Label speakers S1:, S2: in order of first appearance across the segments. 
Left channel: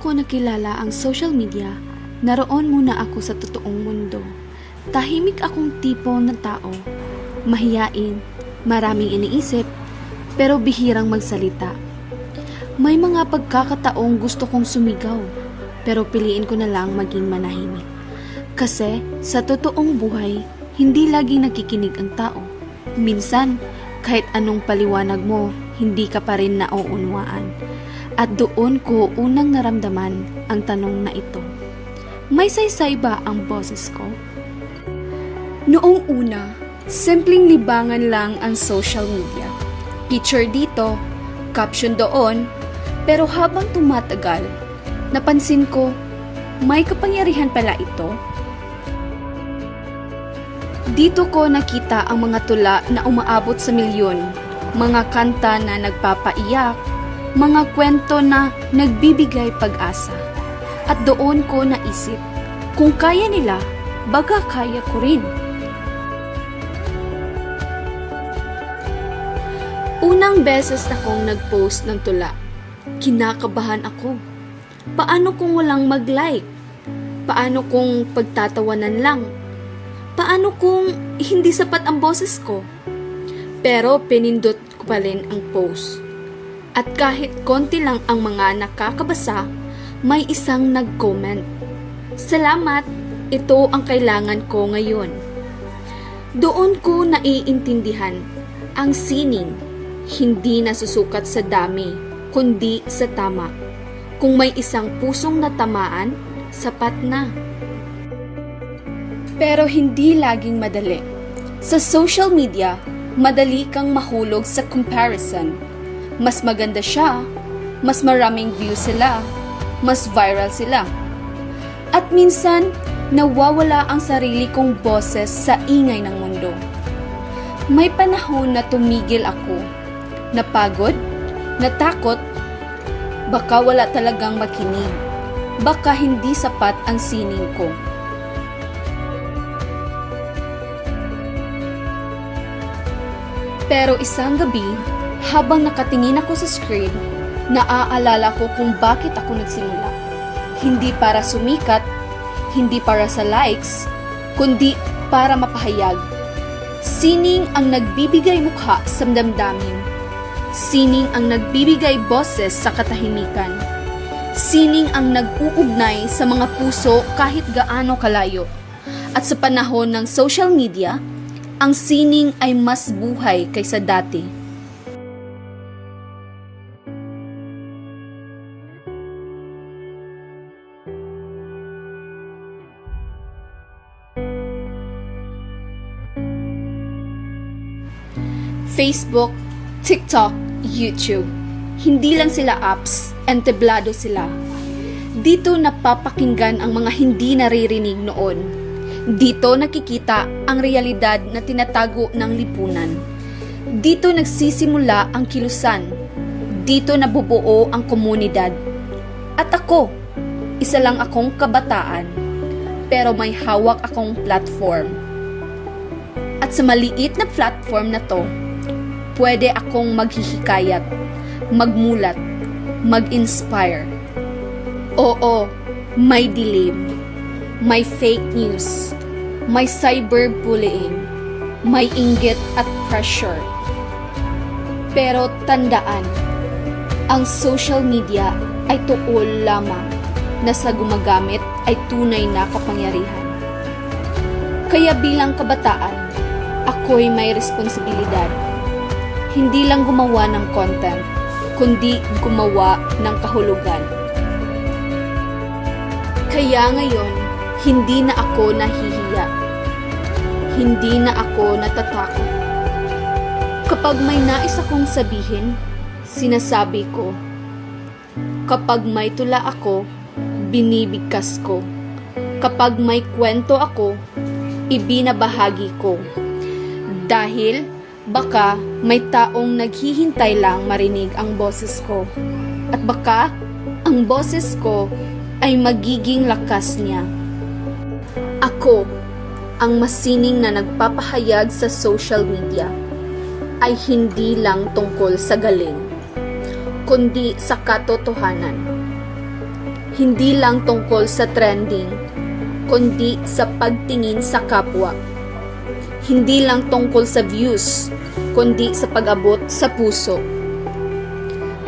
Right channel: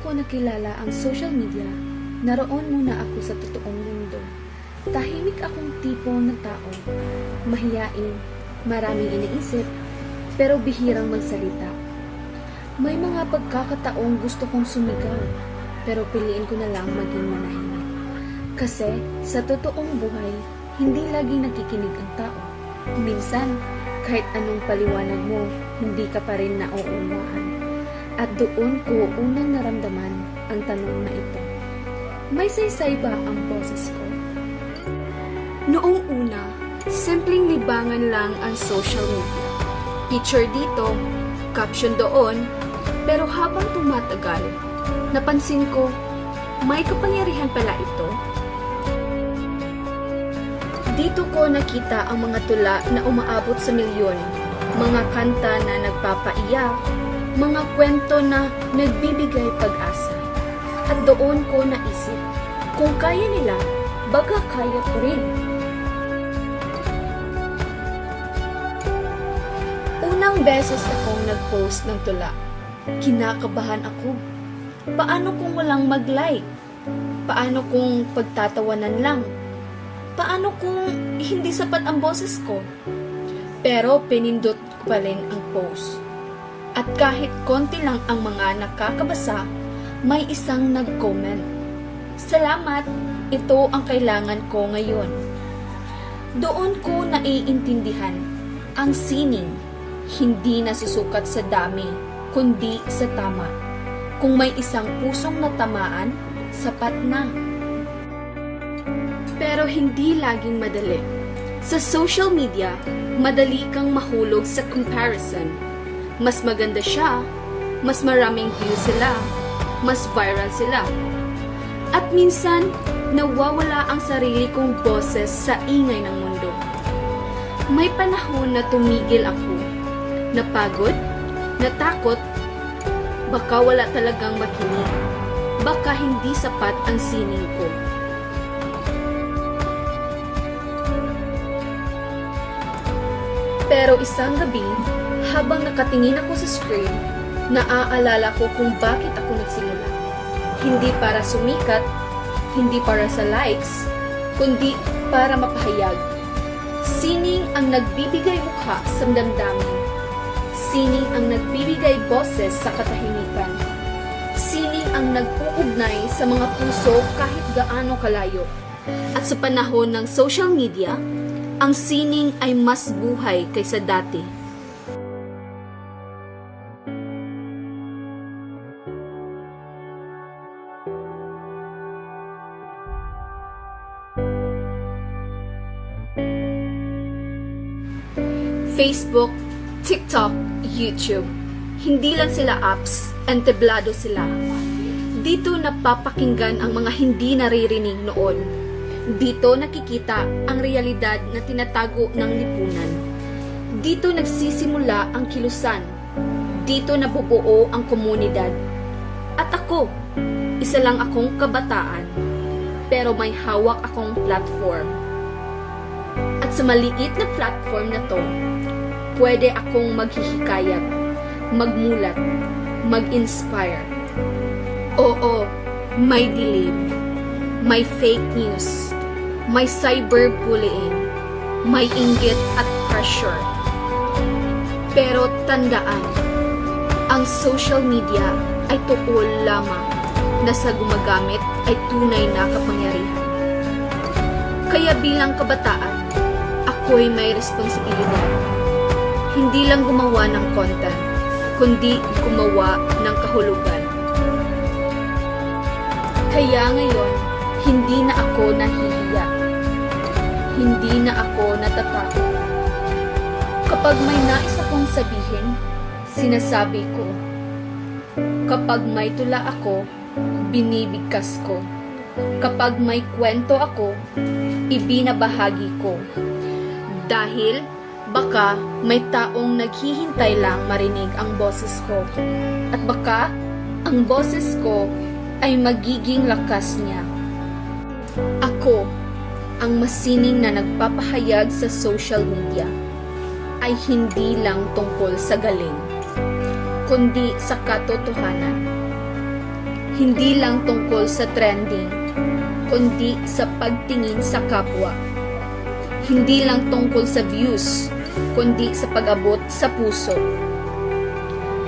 S1: ko nakilala ang social media, naroon muna ako sa totoong mundo. Tahimik akong tipo ng tao. Mahiyain, maraming iniisip, pero bihirang magsalita. May mga pagkakataong gusto kong sumigaw, pero piliin ko na lang maging manahimik. Kasi sa totoong buhay, hindi laging nakikinig ang tao. Minsan, kahit anong paliwanag mo, hindi ka pa rin nauunwaan. At doon ko unang naramdaman ang tanong na ito. May saysay ba ang boses ko? Noong una, simpleng libangan lang ang social media. Picture dito, caption doon, pero habang tumatagal, napansin ko, may kapangyarihan pala ito. Dito ko nakita ang mga tula na umaabot sa milyon, mga kanta na nagpapaiyak, mga kwento na nagbibigay pag-asa. At doon ko naisip, kung kaya nila, baga kaya ko rin. Unang beses akong nag-post ng tula. Kinakabahan ako. Paano kung walang mag-like? Paano kung pagtatawanan lang? Paano kung hindi sapat ang boses ko? Pero pinindot ko pa rin ang post. At kahit konti lang ang mga nakakabasa, may isang nag-comment. Salamat, ito ang kailangan ko ngayon. Doon ko naiintindihan ang sining hindi nasusukat sa dami, kundi sa tama. Kung may isang pusong natamaan, sapat na. Pero hindi laging madali. Sa social media, madali kang mahulog sa comparison. Mas maganda siya, mas maraming views sila, mas viral sila. At minsan, nawawala ang sarili kong boses sa ingay ng mundo. May panahon na tumigil ako. Napagod, natakot, baka wala talagang makinig. Baka hindi sapat ang sining ko. Pero isang gabi, habang nakatingin ako sa screen, naaalala ko kung bakit ako nagsimula. Hindi para sumikat, hindi para sa likes, kundi para mapahayag. Sining ang nagbibigay mukha sa damdamin. Sining ang nagbibigay boses sa katahimikan. Sining ang nag-uugnay sa mga puso kahit gaano kalayo. At sa panahon ng social media, ang sining ay mas buhay kaysa dati. Facebook, TikTok, YouTube. Hindi lang sila apps, entablado sila. Dito napapakinggan ang mga hindi naririnig noon. Dito nakikita ang realidad na tinatago ng lipunan. Dito nagsisimula ang kilusan. Dito nabubuo ang komunidad. At ako, isa lang akong kabataan, pero may hawak akong platform. At sa maliit na platform na to, pwede akong maghihikayat, magmulat, mag-inspire. Oo, may dilim, may fake news, may cyberbullying, may inggit at pressure. Pero tandaan, ang social media ay tuol lamang na sa gumagamit ay tunay na kapangyarihan. Kaya bilang kabataan, ako'y may responsibilidad. Hindi lang gumawa ng content, kundi gumawa ng kahulugan. Kaya ngayon, hindi na ako nahihiya. Hindi na ako natatakot. Kapag may nais akong sabihin, sinasabi ko. Kapag may tula ako, binibigkas ko. Kapag may kwento ako, ibinabahagi ko. Dahil baka may taong naghihintay lang marinig ang boses ko. At baka ang boses ko ay magiging lakas niya. Ako, ang masining na nagpapahayag sa social media, ay hindi lang tungkol sa galing, kundi sa katotohanan. Hindi lang tungkol sa trending, kundi sa pagtingin sa kapwa. Hindi lang tungkol sa views, kundi sa pag-abot sa puso.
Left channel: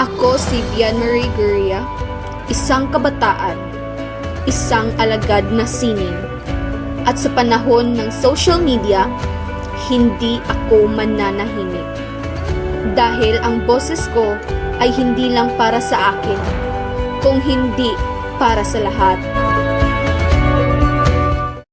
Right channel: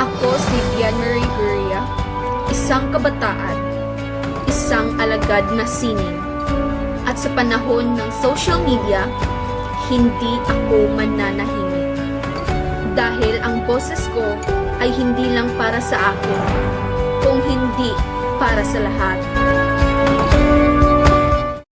S1: Ako si Marie Guria, isang kabataan, isang alagad na sining. At sa panahon ng social media, hindi ako mananahimik. Dahil ang boses ko ay hindi lang para sa akin, kung hindi para sa lahat.